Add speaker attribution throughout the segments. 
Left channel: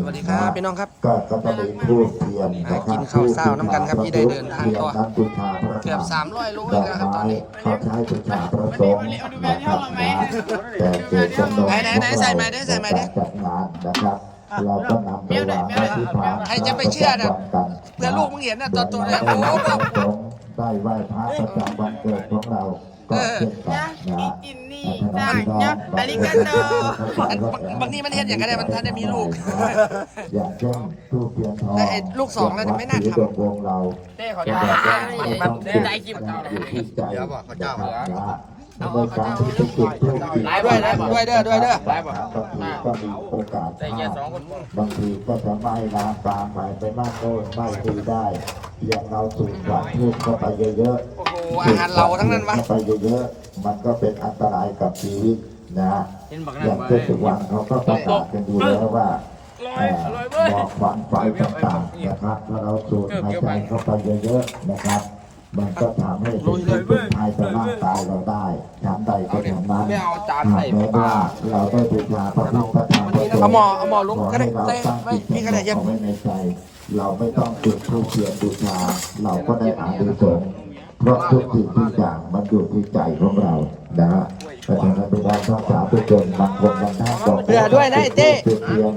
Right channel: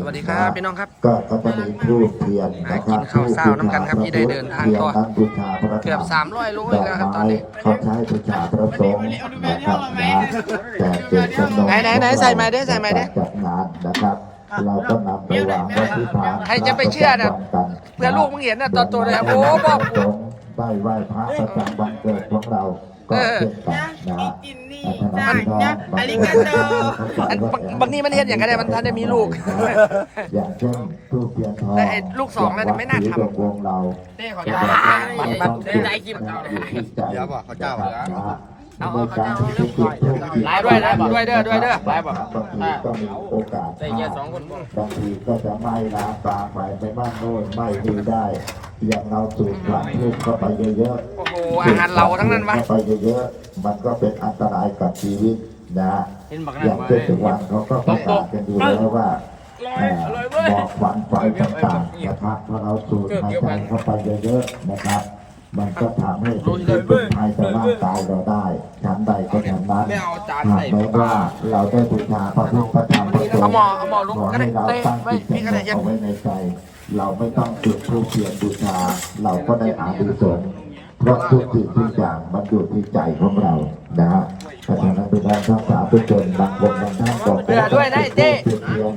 Speaker 1: สวัสดีครับพี่น้องครับ
Speaker 2: ก็ก็จะมีทูบเทียน
Speaker 1: หากินข้าวเช้าน้ำกันครับที่ได้เดินทางต่อเกือบ300โลเลยนะครับตอนนี้
Speaker 2: เขาใช้บูชาพระสงฆ์นะครับนะแต่เกิดจำนวน
Speaker 1: ไหนไหนไหนใส่ไม้ดิใส่ไม้ดิ
Speaker 2: จัดงานนะครับเราก็นำไปวางไว้ที่ฐาน
Speaker 1: ใครจะไปเชื่อน่ะเพื่อลูกมึงเห็นน่ะตอนตัวเลยโอ้บอก
Speaker 2: ได้ไหว้พระประจำวันเกิดของเราก็เช่นกันนะฮะ
Speaker 3: กินนี่ จ้างนะอาริกาโต
Speaker 1: อันบางบางนี่มันเห็นอย่างไรมันทันได้มีลูก
Speaker 2: อย่างเช่นทูบเทียนทอง
Speaker 1: ไอ้ลูกสองนั่นไม่น่าทำ
Speaker 2: วงเรา
Speaker 3: เต้ขอ
Speaker 2: ก็
Speaker 3: ทาน
Speaker 2: ได้ใจกิมอยู่ที่ใจนะครับ นะในการที่จะจุดทูบ
Speaker 3: ไลฟ์ด้วยไลฟ์
Speaker 1: ด้วยเด้อด้วยเด้อ
Speaker 3: ไลฟ์แบบ
Speaker 2: บางทีก็มีโอกาสพลาดบางทีก็จะไหม้น้ำตามไปไปบ้านโน่นไหม้ดีได้อย่างเราสูดควันทูบเข้าไปเยอะๆ
Speaker 1: โอ้โหอาหารเราทั้งนั้นวะ
Speaker 2: เข้าไปเยอะๆมันก็เป็นอันตรายกับชีวิตนะอย่างเช่นสุวรรณเขาก็ประกาศกันอยู่แล้วว่าเอ่อบอกควันไฟต่างๆนะครับเราสูดหายใจเข้าไปเยอะๆนะครับ มันก็ทำให้เป็นพิษเป็นภัยต่อร่างกายเราได้ฉันใดก็ฉันนั้นหากแม้ว่าเราได้บูชาพระพุทธพระธรรมพระสงฆ์
Speaker 1: เอาหมอเอาหมอลุก
Speaker 2: ขอ
Speaker 1: ก็ได้
Speaker 2: ให้เรา
Speaker 1: เต้
Speaker 2: ตั้ง
Speaker 1: ไว้
Speaker 2: จิต
Speaker 1: พี่ก็ได้เย็น
Speaker 2: เอาไว้ในใจ เราไม่ต้องจุดธูปเทียนบูชา เราก็ได้อานิสงส์เพราะทุกสิ่งทุกอย่างมันอยู่ที่ใจของเรานะฮะเพราะฉะนั้นเป็นการรักษาทุกคนบางคนบางท่านบอก
Speaker 1: เบื่อด้วยนะไอ้เต้
Speaker 2: จุดเทียน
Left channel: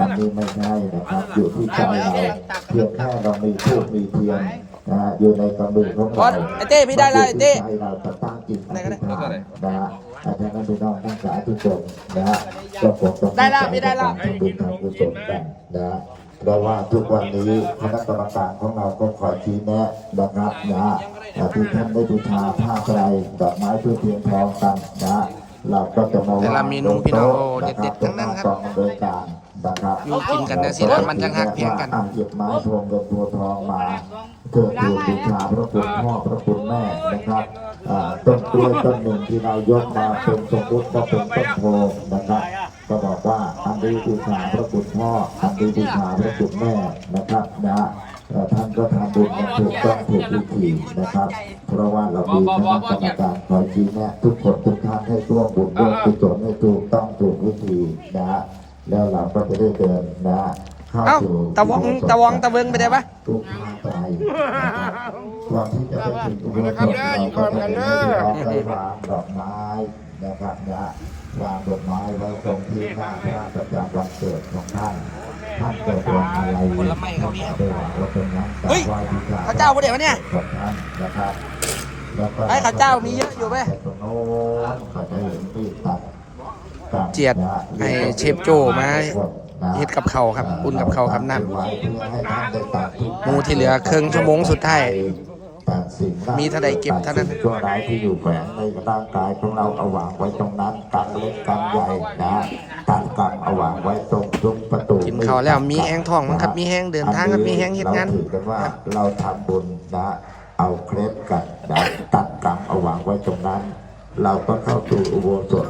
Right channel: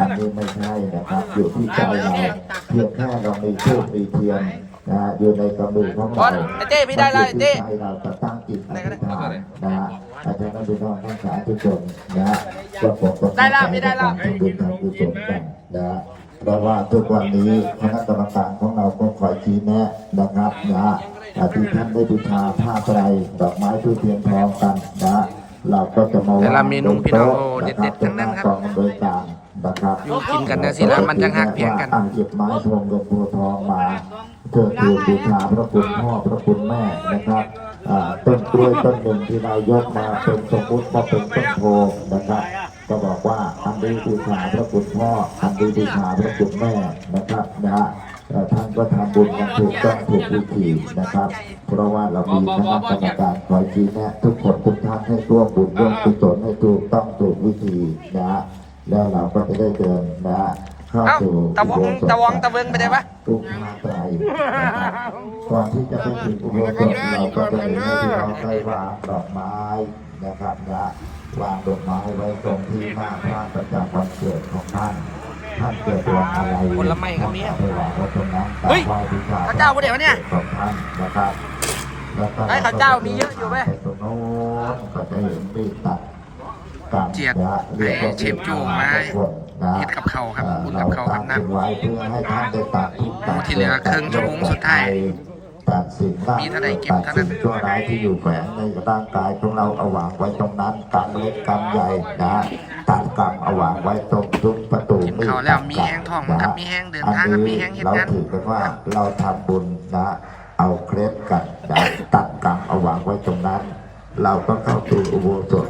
Speaker 2: อันนี้ไม่ใช่นะครับอยู่ที่ใจเราเพียงแค่เรามีทูบมีเทียน นะฮะอยู่ในกำมือของ
Speaker 1: บอ
Speaker 2: เรา
Speaker 1: สไอ้เต้พี่ได้แล้วไอ้เต้
Speaker 2: ใจเราจะตั้งจิตอธิษฐานนะฮะอาจารย์ก็ดูน้องทั้งสายทุกคนนะฮะก็ผมก็
Speaker 1: ได้แล้วพี่ได้แล้ว
Speaker 2: ทำบุญทำกุศลกันนะฮะเพราะว่าทุกวันนี้คณะกรรมการของเราก็คอยชี้แนะนะครับนะฮะอาทิท่านได้บูชาผ้าไตรดอกไม้ทูบเทียนทองกันนะฮะเราก็จะมอง
Speaker 1: แต่ละเมนูพี่น้องโอ้เด็ดๆทั้งนั้นครับ
Speaker 2: กองอำนวยการนะครับ
Speaker 1: อยู่กินกันนะสินะมันจังหักเพียงกัน
Speaker 2: อ่างเก็บไม้พวงเงินพวงทองมา เกิดคือบูชาพระคุณพ่อพระคุณแม่นะครับต้นกล้วยต้นหนึ่งที่เรายกมาเป็นสมมุติว่าเป็นต้นโพนะครับ ก็บอกว่าอันนี้บูชาพระคุณพ่ออันนี้บูชาพระคุณแม่นะครับนะฮะท่านก็ทำบุญกันถูกต้องถูกวิธีนะครับ เพราะว่าเรามีคณะกรรมการคอยชี้แนะทุกคนทุกท่านให้ร่วมบุญร่วมกุศลให้ถูกต้องถูกวิธีนะฮะแล้วเราก็จะได้เดินนะฮะ เข้า
Speaker 1: เอ้า
Speaker 2: สู่
Speaker 1: ตะวงตะวงตะเวนไปได้ปะ
Speaker 2: ทุกทางไกลนะครับก่อนที่จะไปถึงอุโบสถเราก็จะได้ให้เราไปวางดอกไม้นะครับนะวางดอกไม้ไว้ตรงที่หน้าพระประจำวันเกิดของท่านท่านเกิดวันอะไร
Speaker 1: ผลไม้ครับเนี่ย
Speaker 2: ไปวางไว้ตรงนั้น
Speaker 1: เฮ้ย
Speaker 2: กราบไหว้บูช
Speaker 1: พระเจ้าพระเดี๋ยวเนี่ย
Speaker 2: ของท่านนะครับแล้วก็
Speaker 1: ไอ้ข้าวเจ้ามีเยอะอยู่ไหม
Speaker 2: ปตรงโน้นก็จะเห็นมีดตัดตัด
Speaker 1: เจียด
Speaker 2: นะ
Speaker 1: ไอ้เชฟโจ้มา
Speaker 2: นะ
Speaker 1: เฮ็ดกับข้าวครับอุ่นกับข้าวครับน้ำ
Speaker 2: เไว้เพื่อให้ท่านได้ตัด
Speaker 1: หมูที่เหลือครึ่งชั่วโมงสุดท้าย
Speaker 2: ตัดสิ่ง
Speaker 1: มีเท่าใดเก็บเท่านั้น
Speaker 2: ตัดสิ่งชั่วร้ายที่อยู่แฝงในร่างกายของเราเอาวางไว้ตรงนั้นตัดเล็กตัดใหญ่นะตัดกันเอาวางไว้ตรงทุกประตู
Speaker 1: กินข้าวแล้วมีแห้งท้องมั้งครับมีแห้งเดินทางครับมีแห้งเฮ็ดงาน
Speaker 2: เราถือกันว่าเราทำบุญนะเอาเคล็ดกันนะตัดกันเอาวางไว้ตรงนั้น เราก็เข้าสู่อุโบสถ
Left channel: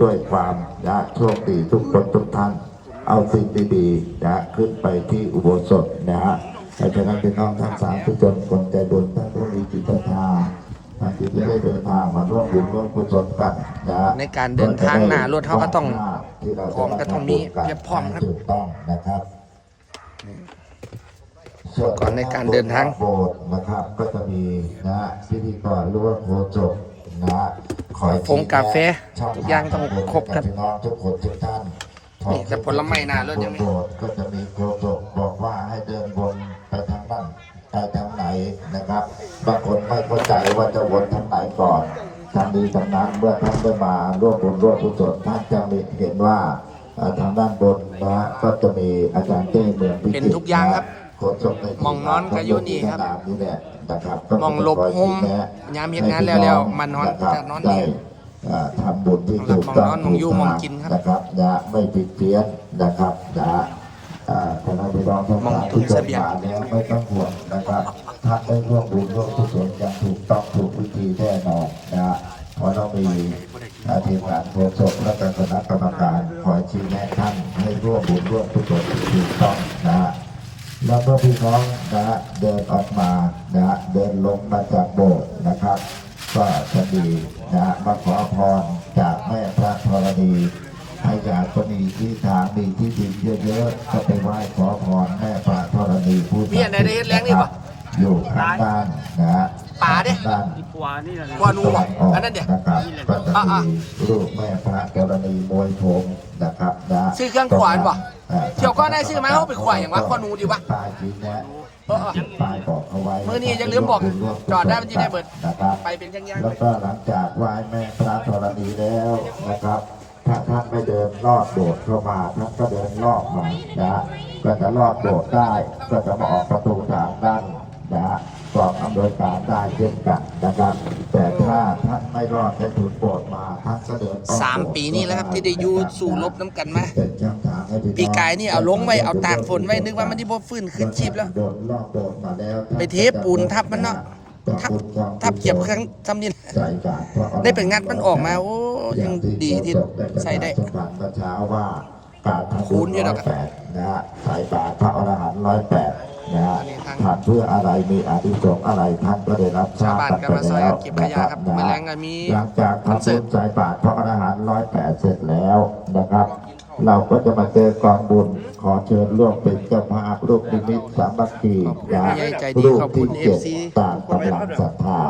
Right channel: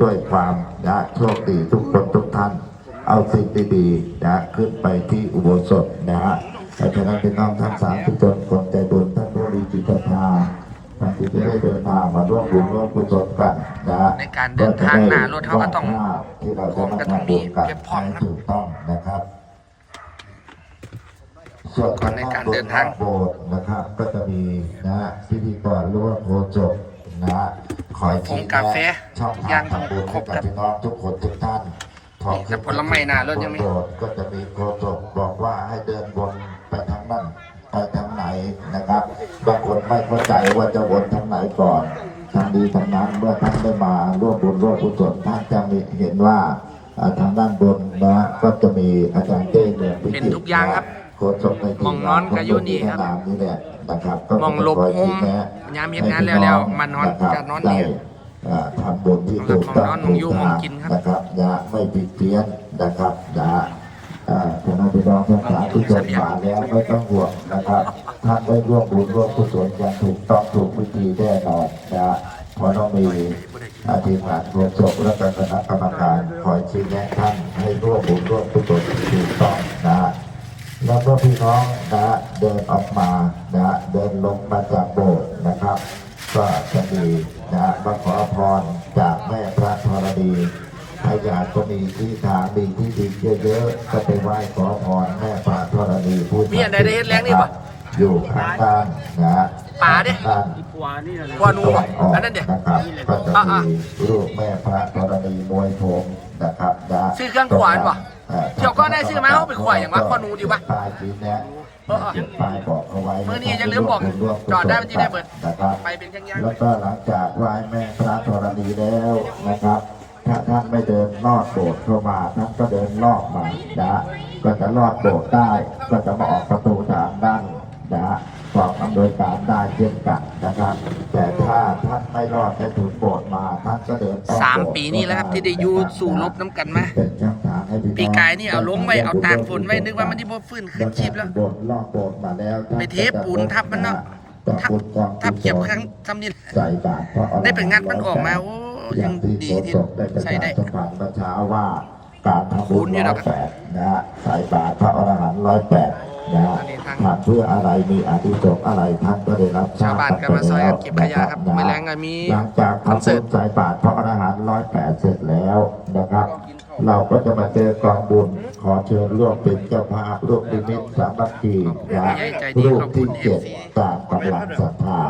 Speaker 2: ด้วยความนะโชคดีทุกคนทุกท่าน เอาสิ่งดีๆนะขึ้นไปที่อุโบสถนะฮะแต่ฉะนั้นเป็นน้องทั้งสามทุกคนคนใจบุญท่านผู้มีจิตศรัทธาท่านที่ได้เดินทางมาร่วมบุญร่วมกุศลกันนะฮะ
Speaker 1: ในการเดินทางหน้ารถเขาก็ต้อง
Speaker 2: วดภาพที่เราจะมา
Speaker 1: ก็ต้อง
Speaker 2: ทำบุญกัน
Speaker 1: มีเก็บของ
Speaker 2: ให้ถูกต้องนะครับส่วน
Speaker 1: ก่อนในการเดินทาง
Speaker 2: โบสถ์นะครับ ก็จะมีนะพิธีกรร่วมโคจบนะคอย
Speaker 1: ผงกาแฟ
Speaker 2: ช่อง
Speaker 1: ย่า
Speaker 2: ทางงทำบุญ
Speaker 1: คร
Speaker 2: ให้
Speaker 1: บ
Speaker 2: กับพี่น้องทุกคนทุกท่าน
Speaker 1: นี่แต่ผลไม้หน้ารถยังไม่
Speaker 2: โบสถ์ก็จะมีโคจบบอกว่าให้เดินวนไปทางนั้นไปทางไหนนะครับบางคนไม่เข้าใจว่าจะวนทางไหนก่อนทางดีทางนั้นเมื่อท่านได้มาร่วมบุญร่วมกุศลท่านจะมีเห็นว่าอ่าทางด้านบนนะก็จะมีอาจารย์เต้เมืองพิจิตร
Speaker 1: เป็นทุกอย่างครับ
Speaker 2: โคจบในที่
Speaker 1: มองนอนก็อยู่นี่ครับ
Speaker 2: สนามนี่แหละนะครับก็
Speaker 1: มองหลบมุมยามเฮ็ดงานแล้วๆมานอนก็นอนนี่
Speaker 2: ได้อ่า ทำบุญที่ถูกต้อง
Speaker 1: มองนอนมองอยู่มองกินครับ
Speaker 2: นะครับอย่าไม่ผิดเพี้ยนนะครับอย่าอ่าทำให้พี่น้องทั้งหลายที่เกิดมาแล้วไม่ต้องห่วงนะครับท่านได้ร่วมบุญร่วมกุศลอย่างถูกต้องถูกวิธีแน่นอนนะเพราะเรามีอาทีมงานโฆษกและคณะกรรมการคอยชี้แนะท่านให้ร่วมบุญร่วมกุศลถูกต้องนะแล้วก็พี่น้องนะเดินออกมานะเดินลงมาจากโบสถ์นะครับ ก็จะมีนะมาขอพรจากแม่พระธรณีให้อยากจะมีที่ทางมีที่ดินเยอะๆก็ไปไหว้ขอพรแม่ปราธรณีผู้
Speaker 1: มีอันใดได้เฮ็ดแรงนี่บ่
Speaker 2: อยู่ข้างบ้านนะฮะ
Speaker 1: ป่าดิ
Speaker 2: ด้าน
Speaker 4: ขวานี่นะ
Speaker 1: กว่าหนูบ่อันนั้นเดี๋ยว
Speaker 2: นะครับก็จะ
Speaker 1: อะ
Speaker 2: มีรูปแม่พระธรณีมวยผมนะครับนะ
Speaker 1: ซื้อเครื่องขวานบ่
Speaker 2: อ่อ
Speaker 1: เที่ยวก็ได้ซื้อมาเอาไปขวานอย่างวะข้อหนูดีวะ
Speaker 2: ป้ายชี้แนะ
Speaker 1: เออเออ
Speaker 2: ป้ายบอกเอาไว้
Speaker 1: มื้อนี้อย่าลืมบอกจอดได้มันจะได้เบิด
Speaker 2: นะครับ
Speaker 1: ไปเป็นยังยัง
Speaker 2: แล้วก็หลังจากไหว้แม่พระธรณีแล้วนะครับถ้าท่านไม่เดินลอดโบสถ์เข้ามาท่านก็เดินลอดมานะฮะก็จะลอดโบสถ์ได้ก็จะมาออกประตูทางด้านนะฮะกองอำนวยการได้เช่นกันนะครับ แต่ถ้าท่านไม่รอดให้ถูกโบสถ์มาท่านก็เดินอ้อ
Speaker 1: สาม
Speaker 2: โบสถ์
Speaker 1: ปีนี่แล้วครับที่ได้อยู่สู่รบน้ำกันมา
Speaker 2: เป็นช่องทางให้พี่น้อง
Speaker 1: ปีกายนี่เอาลงไว้เอาตากฝนไว้นึกว่ามันที่บ่ฟื้นขึ้นชีพแล้ว
Speaker 2: โบสถ์รอบโบสถ์มาแล้ว
Speaker 1: ไปเทปูนทับมันเนาะทับทับเก็บครั้งทำนี่
Speaker 2: ใส่บาตรพระอรหันต์
Speaker 1: ได้ไปงัดมันออกมาโอ้ยังดีที่ใส่ได้
Speaker 2: สมบัติประชาว่าการทำ
Speaker 1: คู
Speaker 2: บุ
Speaker 1: ณ
Speaker 2: ญ
Speaker 1: อยู่
Speaker 2: ร้
Speaker 1: แล้
Speaker 2: อ
Speaker 1: วยครับ
Speaker 2: แปดนะฮะใส่บาตรพระอรหันต์ร้อยแปดนะฮะ
Speaker 1: อันนี้ทาง
Speaker 2: ทำเพื่ออะไรมีอานิสงส์อะไรท่านก็ได้รับทรา
Speaker 1: ชาว
Speaker 2: บ
Speaker 1: บ้าน
Speaker 2: กัน
Speaker 1: ก็
Speaker 2: ไป
Speaker 1: มาซอย
Speaker 2: แล้
Speaker 1: กั
Speaker 2: วน
Speaker 1: เก็บขยะครับ
Speaker 2: นะ
Speaker 1: ไม่
Speaker 2: ฮะ
Speaker 1: แรงก็มี
Speaker 2: หลังจาก
Speaker 1: คอน
Speaker 2: ทำ
Speaker 1: เสิ
Speaker 2: บุ
Speaker 1: ร์ต
Speaker 2: ญใส่บาตรพระอรหันต์ร้อยแปดเสร็จแล้วนะครับ เราก็จะมาเจอกองบุญขอเชิญร่วมเป็นเจ้าภาพร่วมนิมิตสามัคคีนะ
Speaker 1: ใจดี
Speaker 2: รูป
Speaker 1: ขอบคุ
Speaker 2: ที่
Speaker 1: ณ
Speaker 2: เจ็ด
Speaker 1: FC
Speaker 2: ตามกำลังศรัทธา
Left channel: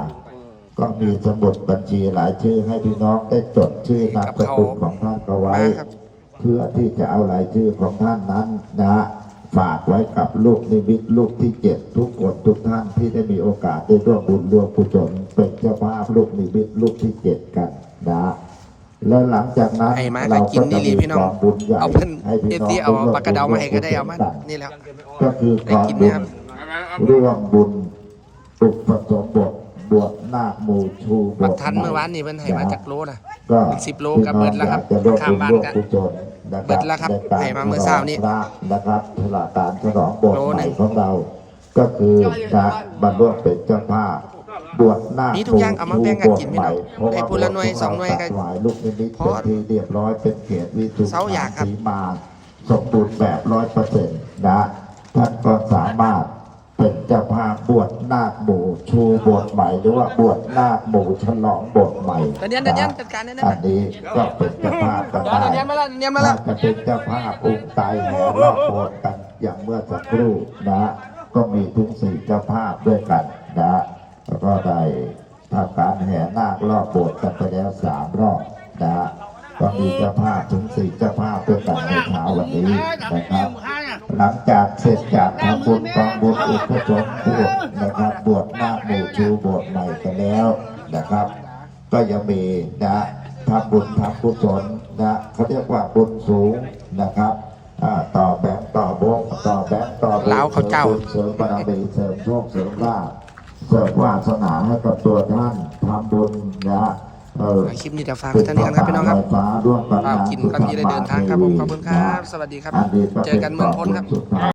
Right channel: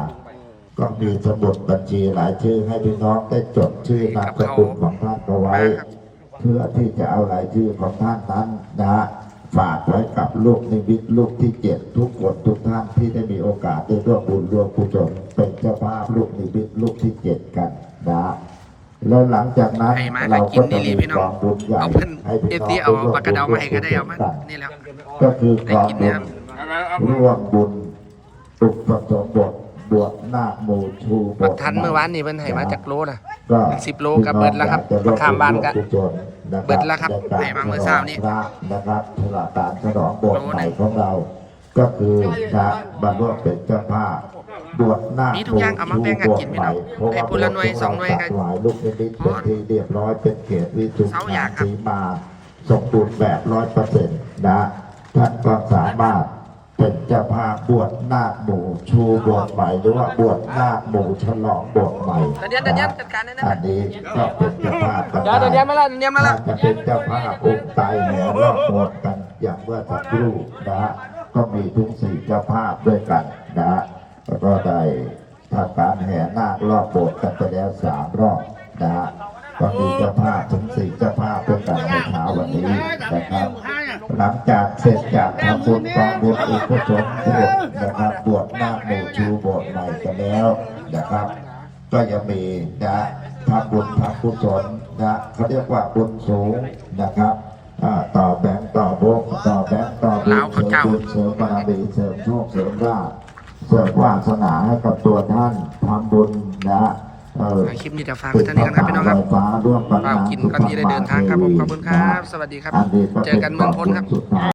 Speaker 2: ก็มีสมุดบัญชีหลายชื่อให้พี่น้องได้จดชื่อนามสกุลของท่านเอาไว้
Speaker 1: มาครับ
Speaker 2: เพื่อที่จะเอารายชื่อของท่านนั้นนะฮะฝากไว้กับลูกนิมิตลูกที่เจ็ดทุกคนทุกท่านที่ได้มีโอกาสได้ร่วมบุญร่วมกุศลเป็นเจ้าภาพลูกนิมิตลูกที่เจ็ดกันนะฮะ แล้วหลังจากนั้น
Speaker 1: ให้มา
Speaker 2: เรา
Speaker 1: ก็กิ
Speaker 2: ก็
Speaker 1: น
Speaker 2: จะ
Speaker 1: ดี
Speaker 2: มี
Speaker 1: ๆพี่น้อง
Speaker 2: กองบุญใหญ่
Speaker 1: เอาเพิ่น
Speaker 2: ให้พี่
Speaker 1: เอ
Speaker 2: น้อง
Speaker 1: ซีเอา
Speaker 2: ได้ร่วม
Speaker 1: ปากกระเดามาให้ก็ได้เอามา
Speaker 2: กัน
Speaker 1: นี่แล้ว
Speaker 2: ก็คือกองบุญร่วมบุญอุปสมบทบวชนาคหมู่ชูบ
Speaker 1: บั
Speaker 2: ท
Speaker 1: กทันเมื่อวานนี่เพิ่นให้มาจากโลนะ
Speaker 2: ก็
Speaker 1: เป็น10โลก็เบิดแล้วครับ
Speaker 2: จะร่วม
Speaker 1: ข้ามบ้านกัน
Speaker 2: บุญกุศลนะ
Speaker 1: เบิดแล้วครับ
Speaker 2: ในก
Speaker 1: ให้มาเมื่อเช้านี้
Speaker 2: พระนะครับเทลาการฉลองโบสถ์
Speaker 1: โล
Speaker 2: ให
Speaker 1: หนึ่
Speaker 2: ม่
Speaker 1: ง
Speaker 2: ของเรา ก็คือพระบรรลุเป็นเจ้าภาพ บวชนาค
Speaker 1: มีทุกอย่างเอามาแบ่งกันกินพี่น้อง
Speaker 2: เพราะ
Speaker 1: ได้
Speaker 2: ว่า
Speaker 1: พูละหน่วยสองหน่วยก็
Speaker 2: หลายลูกนิมิต
Speaker 1: พอ
Speaker 2: เป็นที่เรียบร้อยเป็นเขตวิสุท
Speaker 1: เสาอยากครับ
Speaker 2: สีมาสมบูรณ์แบบร้อยเปอร์เซ็นต์นะท่านก็สามารถเป็นเจ้าภาพบวชนาคหมู่ชูบวชใหม่หรือว่าบวชนาคหมู่ฉลองบวชใหม่
Speaker 1: เดี๋ยวเดี๋ยวเดี๋ยวจัดการให้นะ
Speaker 2: อันนี้ก็เป็นเจ้าภาพกัน
Speaker 1: เดี๋ยวเดี๋ยวเดี๋ยวมาแล้วเดี๋ยวมาแล้ว
Speaker 2: ถ้าจะเป็นเจ้าภาพองค์ไตรแห่รอบโบสถ์กันอย่างเมื่อสักครู่นะฮะก็มีทุกสี่เจ้าภาพด้วยกันนะฮะ แล้วก็ได้ทำการแห่นาครอบโบสถ์กันไปแล้วสามรอบนะฮะก็มีเจ้าภาพถึงสี่เจ้าภาพด้วยกันในเช้าวันนี้นะครับ หลังจากเสร็จจากทำบุญกองบุญอุปสมบทนะครับบวชนาคหมู่ชูบวชใหม่กันแล้วนะครับ ก็ยังมีนะทำบุญทำกุศลนะเขาเรียกว่าบุญสูงนะครับอ่าต่อแบงค์ต่อบุญต่อแบงค์ต่อบุญ
Speaker 1: ลาวเขาเจ้า
Speaker 2: สริมบุญเสริมบารมีเสริมโชคเสริมลาภ เสริมวาสนาให้กับตัวท่านทำบุญนะเออ
Speaker 1: คลิปนี้จะฝากไว้เท่านี้กันครับพี่น้องครับ
Speaker 2: ฟ้าร่วมกัน
Speaker 1: ฝากกินก่อนที่ได้เดินทางครับผมขอบคุณครับ สวัสดีครับ เจอกันเมืองพลครับ
Speaker 2: สุดท้าย